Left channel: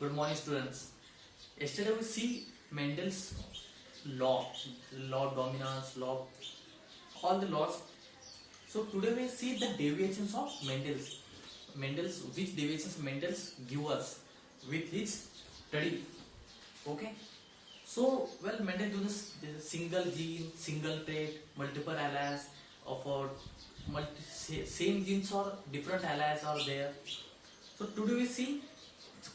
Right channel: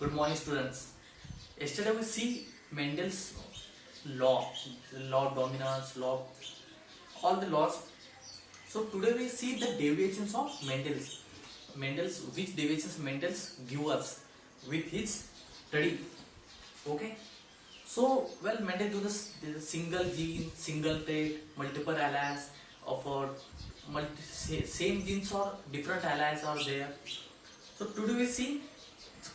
Good morning, students. Yesterday we see Mendel's law of dominance, law, all the laws. So today we see the deviations of Mendel's which deviations Mendel's give us with his study. Okay. So Mendel do this single gene, single trait, multiple allies of same genes or different allies are there. So today we see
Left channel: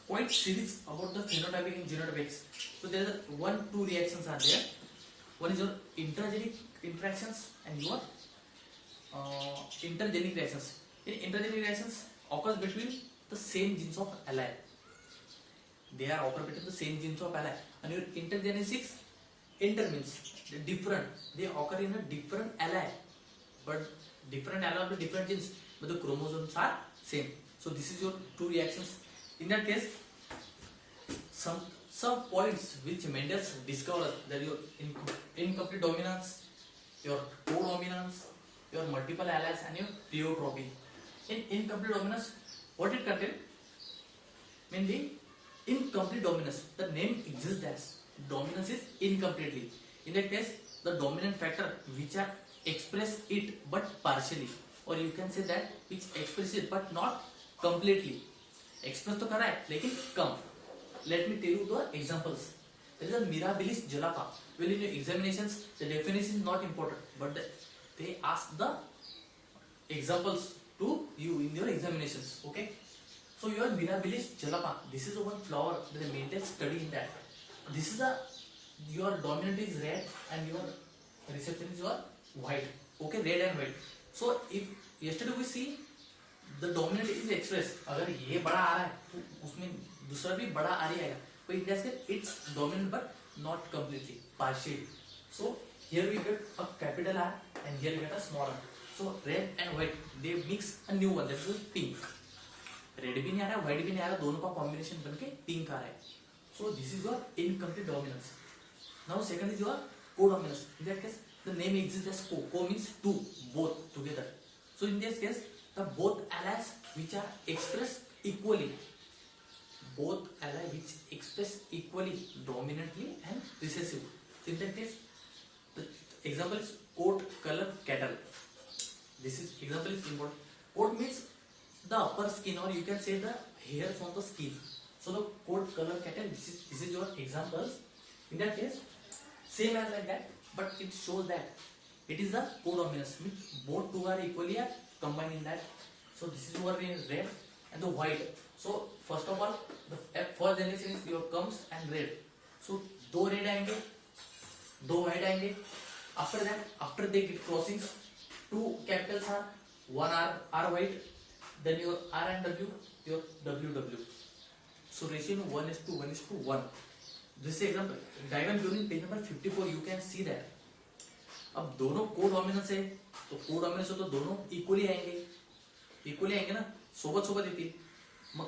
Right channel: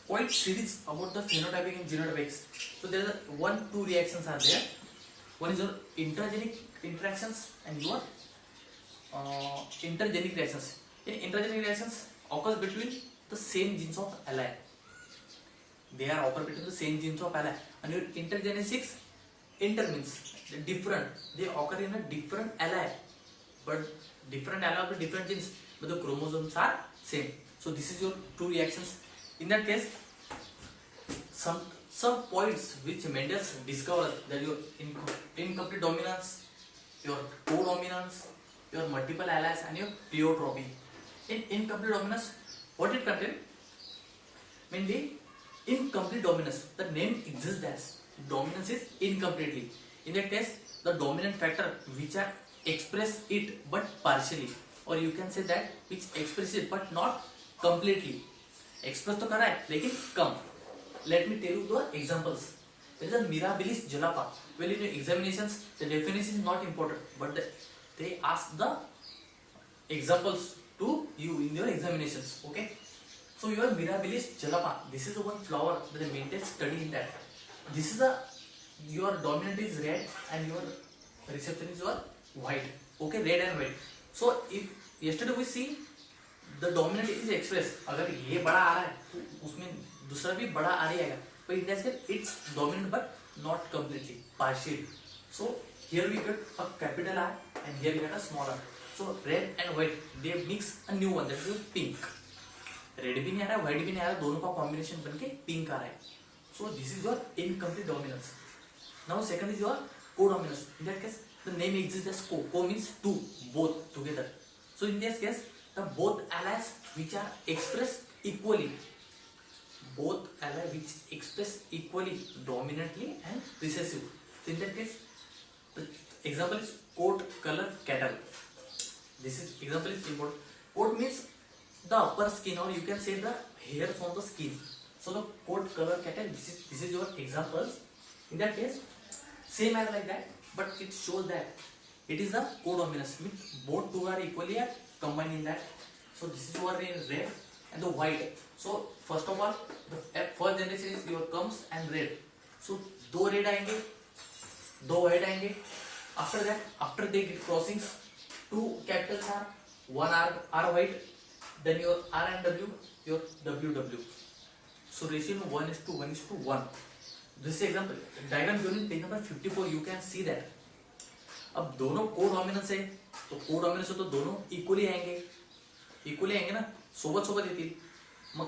quite series about the phenotyping and genotypics. So there are two reactions are there. One is your intergenic interactions and your intergenic reactions. In intergenic reactions occurs between the same genes of ally. They are occur between the same genes of ally. And your intergenetics means different. They occur in a different ally, but different ally of the different genes, but the chromosomes are same. So this is your two reactions. In that case, some points which Mendel discovered, that your incomplete dominance, your codominance, your multiple allies, and your pleiotropy. In incomplete dominance, what it contains? Mainly, incomplete dominance. The name exists as dominance is incompletely. In that case, the dominant factor which are express it but partially, or you can say that which express it but not completely. Express तो करा है लेकिन कम. Let me tell you the examples. There is a Mirabilis jalapa. Well, in your examinations, the definition is not important, but they ask the examples to you in your examinations. Okay. So your Mirabilis jalapa. This is the one flower that the Mendel study in that. This is your dominant is red and your reception is your white. Okay, red and white. So if yesterday we see the dominant is expressed, अगर ये बड़ा आ रहा है तो उसमें दूसरा भी बड़ा आ रही आएगा. But in that case it's dominant but not completely, partially. So here we get a capital R and here we get a small r. So red and white they mix a new one, that is pink. Red भी नहीं आ रहा, white भी नहीं आ रहा, दोनों का combination बनके pink आ रहा है. So this is your incomplete dominance. Now second is your codominance. In that case the name exists as co. Co means two, both together. So in this case the both allies which are expressed equally, both allies which express equally dominantly and recessive. So in that case the example is coat color cattle. This is example is important. Coat means the upper skin, or you can say the hairs on the skin. So the coat color cattle, this is your examples. In that case same as like that, but it shows that it is a codominance, means both two are equally combined in that. So this is your red and the white. So first of all the first generation is your comes and red. So दो red आएंगे, दो white आएंगे. After that, after they get crossings, two capitals are, one R white, then your R and W, your WW. So ratio 1:1:1. This example diagram given in page number 54. You can see that. अब दोनों कोडॉमिनन्स है तो कोडॉमिनन्स हो तो दोनों equally आएंगे ना, सोबत येतील. मग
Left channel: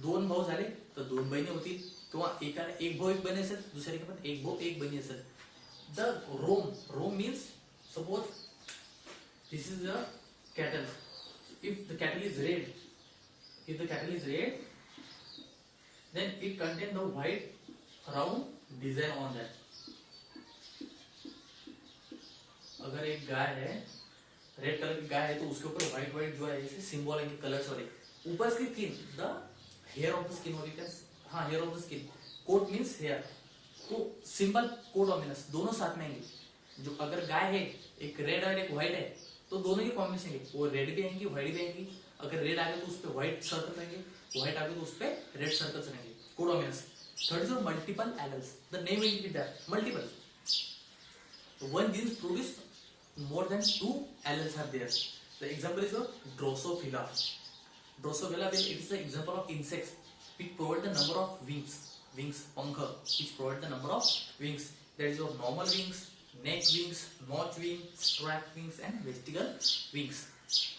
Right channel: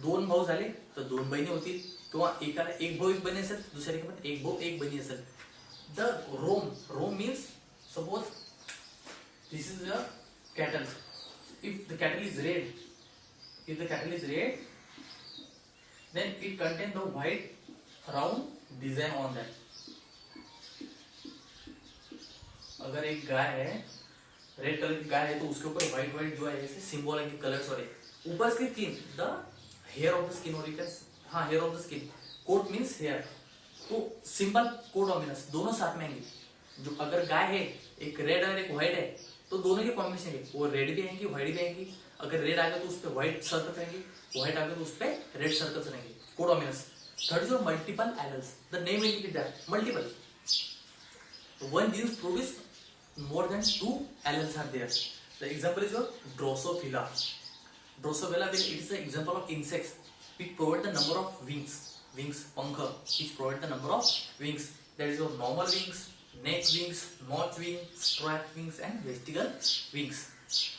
दोन भाऊ झाले तर दोन बहिणी होतील, किंवा एकाला एक भाऊ एक बहिणी असेल, दुसऱ्या पण एक भाऊ एक बहिणी असेल. The roam means suppose this is a cattle. If the cattle is red, then it contains the white round design on that. अगर एक गाय है, रेड कलर की गाय है, तो उसके ऊपर व्हाइट जो है जैसे सिंबल है कलर्स हो रहे, ऊपर इसकी skin, the hair of the skin, और hair of the skin. Coat means hair. तो सिंपल कोडॉमिनन्स दोनों साथ में आएंगे. जो अगर गाय है, एक रेड और एक व्हाइट है, तो दोनों के कॉम्बिनेशन है, वो रेड भी आएंगी व्हाइट भी आएंगी. अगर रेड आ गया तो उस पर व्हाइट सर्कल रहेंगे, व्हाइट आ गया तो उस पर रेड सर्कल्स रहेंगे. Codominance. Third is multiple alleles. The name indicate that multiple. One gene produce more than two alleles are there. The example is your Drosophila. Drosophila, well, it is the example of insects which provide the number of wings, pankha, which provide the number of wings. That is your normal wings, neck wings, notch wings, strap wings and vestigial wings.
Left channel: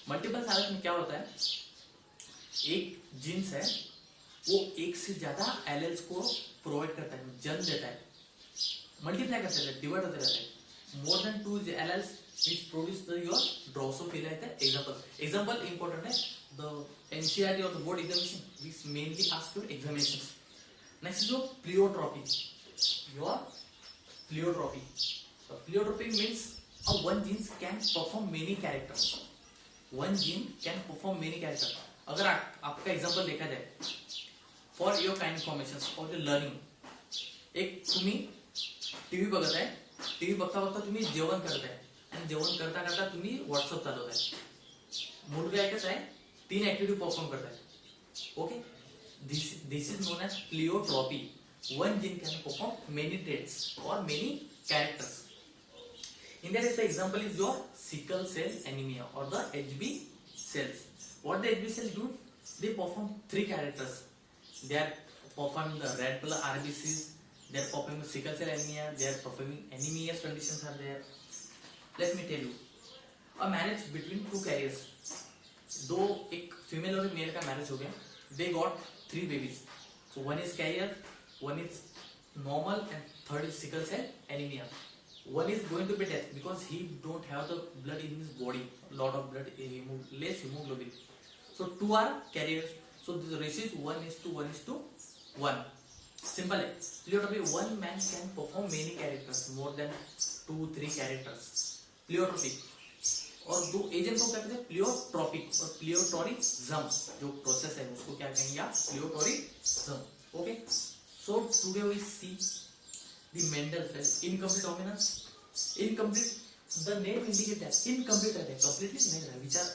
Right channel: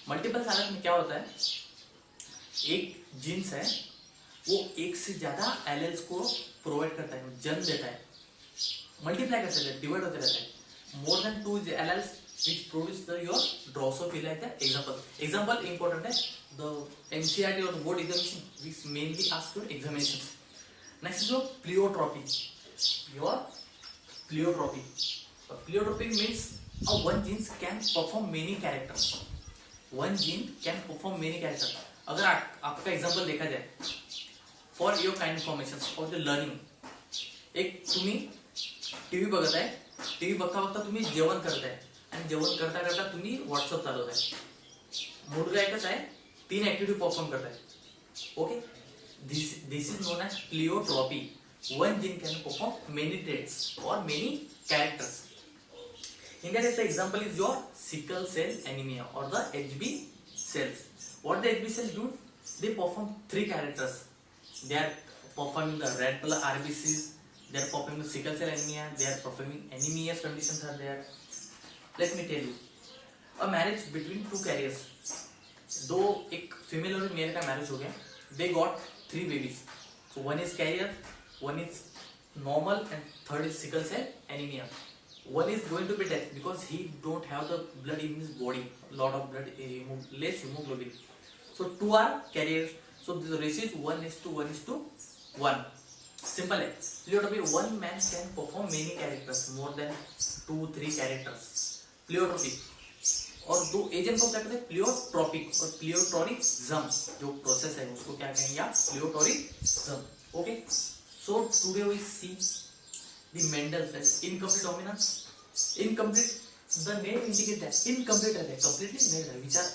Multiple alleles में क्या होता है? एक jeans है, वो एक से ज्यादा एलेल्स को प्रोवाइड करता है, जन्म देता है, मल्टीप्लाई करता है, डिवाइड होते रहता है. More than two alleles which produce your Drosophila is the example. Example important है. The NCERT or the board examination which mainly ask your examinations. Next is your pleiotropy. Your pleiotropy. Pleiotropy means one gene can perform many characters. One gene can perform many characters. अगर आपका example देखा जाए for your kind information for the learning, एक तुम्ही TV बघत आहे, TV बघता बघता तुम्ही जेवण करताय आणि जेवण करता करता तुम्ही व्हॉट्सअप चालवताय. मुलगा एकच आहे, 3 ऍक्टिव्हिटी परफॉर्म करताय. Okay, this is known as pleiotropy. One gene can perform many traits or many characters. In that, the example is your sickle cell anemia or the HB cells. What the HB cells do? They perform 3 characters. They are performing the red blood RBCs. They are performing the sickle cell anemia. They are performing anemias conditions are there. Let me tell you, a marriage between 2 carriers. दो एक female और mail का marriage हो गया. They got 3 babies. So one is carrier, one is normal, and third is sickle cell anemia. One is going to be dead because he don't have the blood in his body, lot of blood, less hemoglobin. So 2 are carriers. So the ratio is 1:1:1. Simple है. Pleiotropy, one man can perform many characters, more than 2-3 characters. Pleiotropy. और 2 agent को क्या कहते हैं? Pleiotropic और प्लियोटोरिज्म. जो process है उसको क्या कहेंगे आप? Pleiotropism. Okay, so today we see the Mendel's incomplete dominance. Incomplete, the name indicate that incomplete रहते हैं, कंप्लीटली नहीं रहते, which are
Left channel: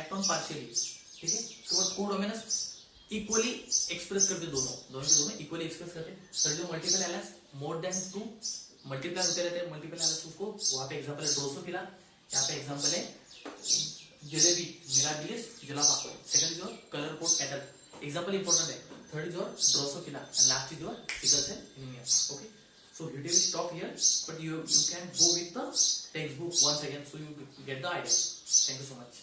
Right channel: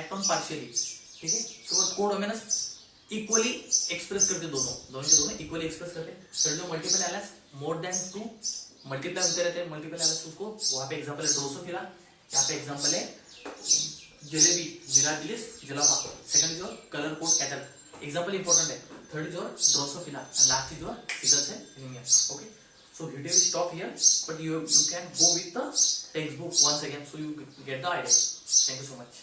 act on partially. ठीक है, सो कोडोमिनेंस इक्वली एक्सप्रेस करते, दोनों के दोनों इक्वली एक्सप्रेस करते. थर्ड जो multiple alas, more than 2 multiply होते रहते हैं. मल्टीपल एलास उसको वहां पे एग्जांपल है ड्रोसोफिला, यहाँ पे एग्जांपल है jalebi, Mirabilis, jalapa. Second is your colour code cattle. Example important है. Third is your Drosophila and last is your sickle cell anaemia. Okay, so video will stop here, but you can go with the textbook once again, so you get the idea. Thank you so much.